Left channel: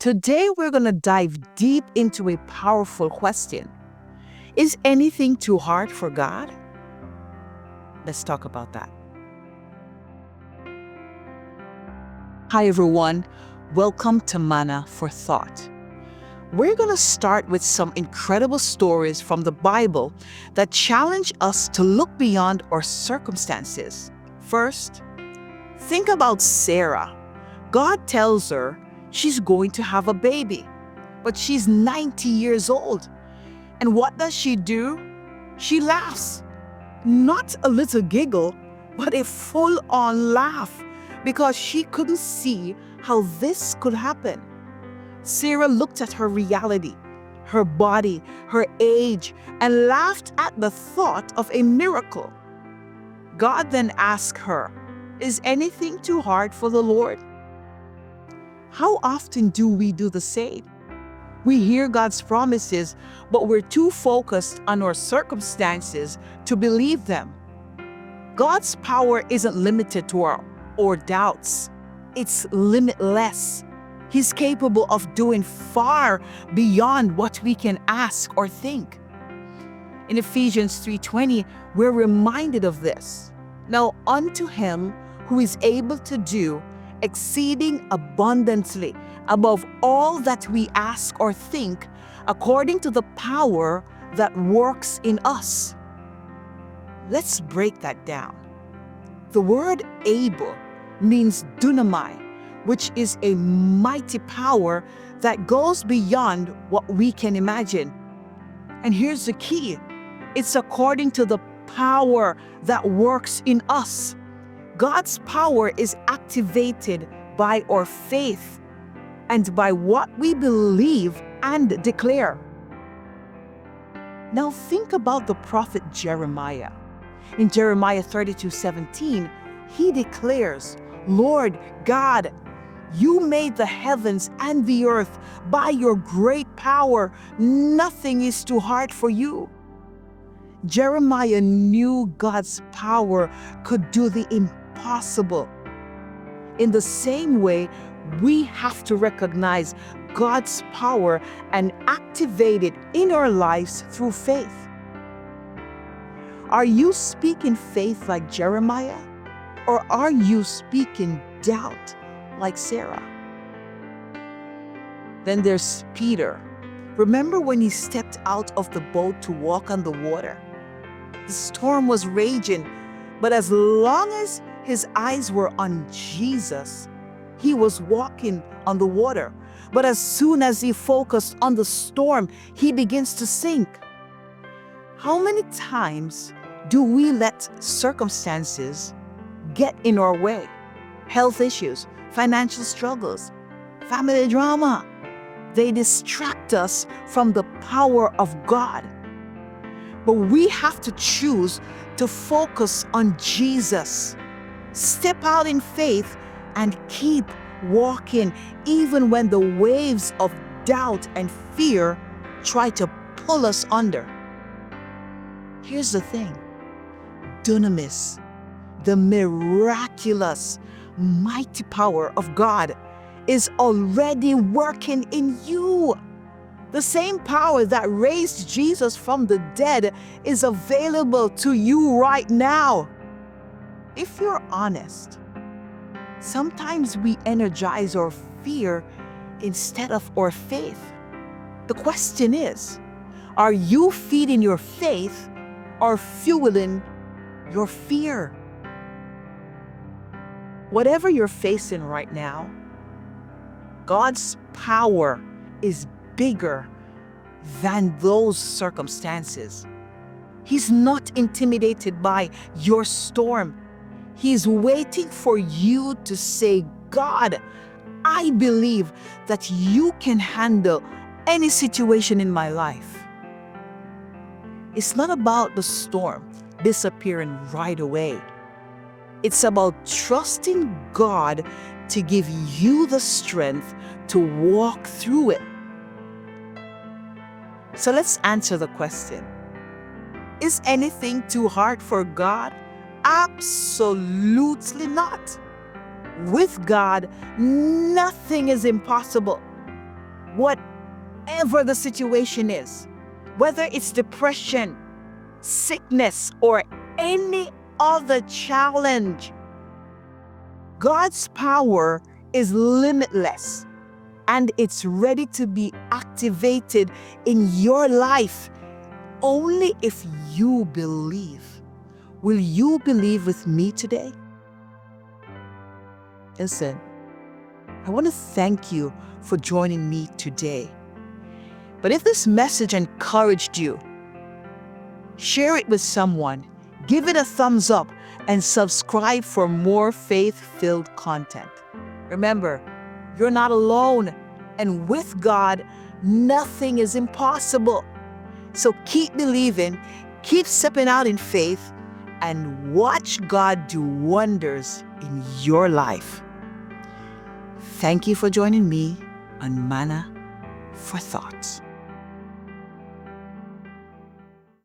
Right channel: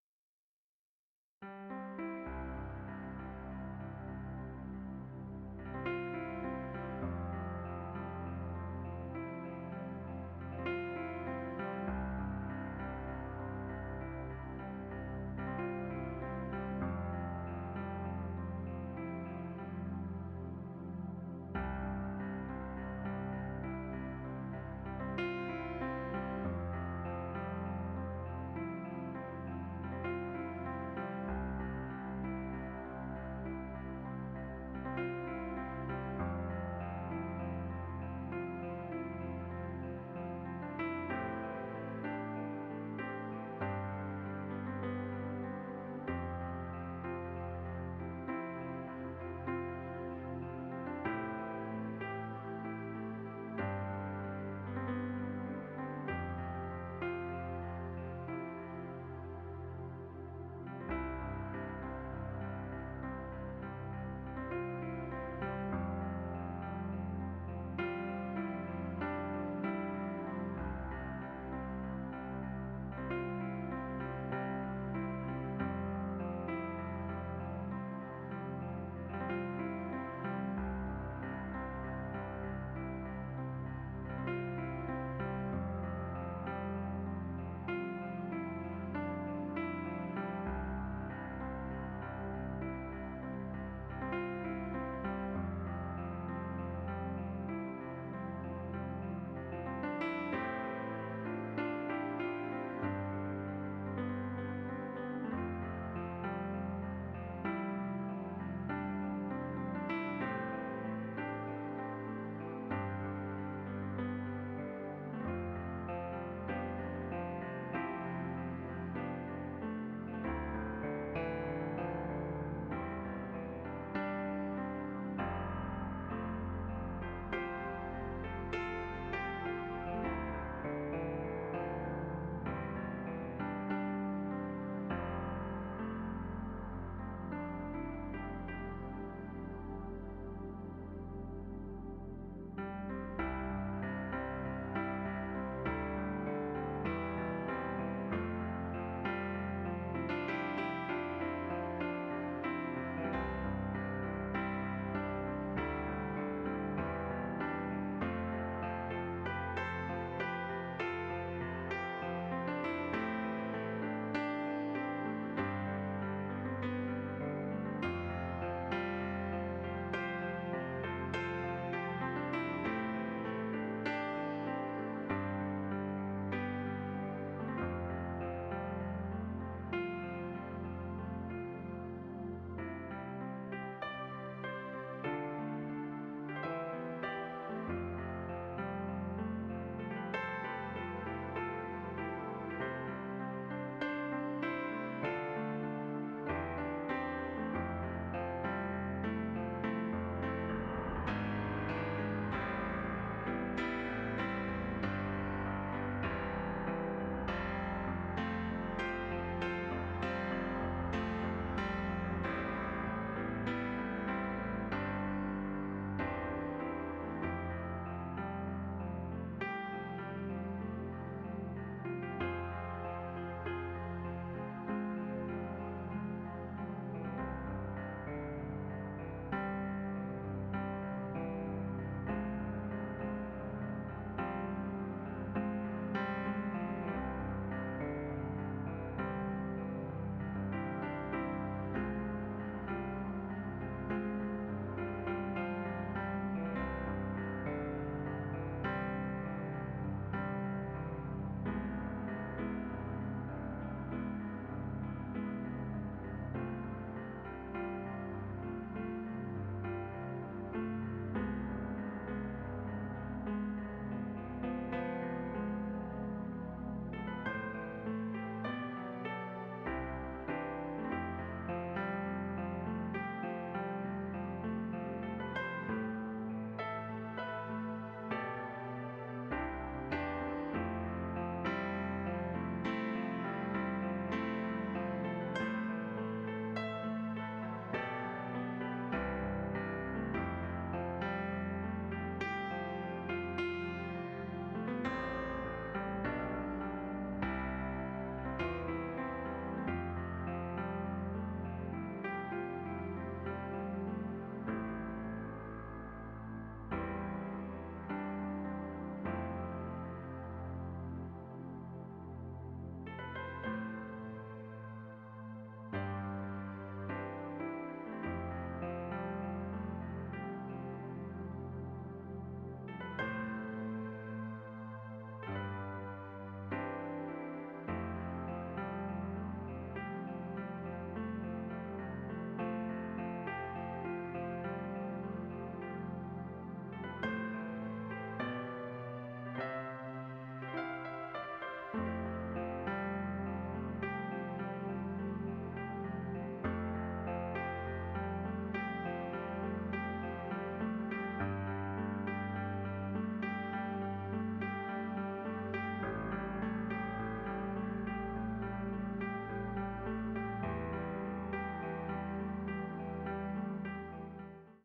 Today, we're going to dive deep into a powerful question. Is anything too hard for God? Let's talk about that. Hi, everyone. Welcome to Manna for Thought. We're going to start with some incredible stories from the Bible that challenge us to look beyond our circumstances. First, think about Sarah. God tells her she's going to have a baby, but she's 90 years old. And what does she do? She laughs. Not a little giggle, but a full on laugh because she couldn't see how this could happen. Sarah looked at her reality, her body, her age, and laughed at the thought of a miracle. God then asked her, "Is anything too hard for the Lord?" How often do we do the same? We hear God's promises, but we're too focused on our circumstances to believe them. God's power isn't limited to our doubts, it's limitless. He's capable of doing far beyond what we can ask or think. In Ephesians 3:20, we're reminded of this. Now unto him who is able to do exceeding abundantly above all that we ask or think, according to the power that works in us. Let's break that down. The word able means dunamai, which is a mighty power that goes beyond what we can imagine. And here's the key. It's according to the power that works in us. God's power is activated by our faith and by what we believe and declare. Now think about the prophet Jeremiah. In Jeremiah 32:17, he declares, "Lord God, you made the heavens and the earth by your great power. Nothing is too hard for you." Jeremiah knew God's power could do the impossible. In the same way, we have to recognize God's power and activate it in our lives through faith. Are you speaking faith like Jeremiah? Or are you speaking doubt like Sarah? Then there's Peter. Remember when he stepped out of the boat to walk on the water? The storm was raging, but as long as his eyes were on Jesus, he was walking on the water. But as soon as he focused on the storm, he begins to sink. How many times do we let circumstances get in our way? Health issues, financial struggles, family drama. They distract us from the power of God. But we have to choose to focus on Jesus. Step out in faith and keep walking even when the waves of doubt and fear try to pull us under. Here's the thing. Dunamis, the miraculous, mighty power of God, is already working in you. The same power that raised Jesus from the dead is available to you right now. If you're honest, sometimes we energize our fear instead of our faith. The question is, are you feeding your faith or fueling your fear? Whatever you're facing right now, God's power is bigger than those circumstances. He's not intimidated by your storm. He's waiting for you to say, "God, I believe that you can handle any situation in my life." It's not about the storm disappearing right away. It's about trusting God to give you the strength to walk through it. So let's answer the question. Is anything too hard for God? Absolutely not. With God, nothing is impossible. whatever the situation is, whether it's depression, sickness, or any other challenge. God's power is limitless and it's ready to be activated in your life only if you believe. Will you believe with me today? Listen, I want to thank you for joining me today. But if this message encouraged you, share it with someone, give it a thumbs up, and subscribe for more faith-filled content. Remember, you're not alone, and with God, nothing is impossible. So keep believing, keep stepping out in faith, and watch God do wonders in your life. Thank you for joining me on Manna for Thoughts.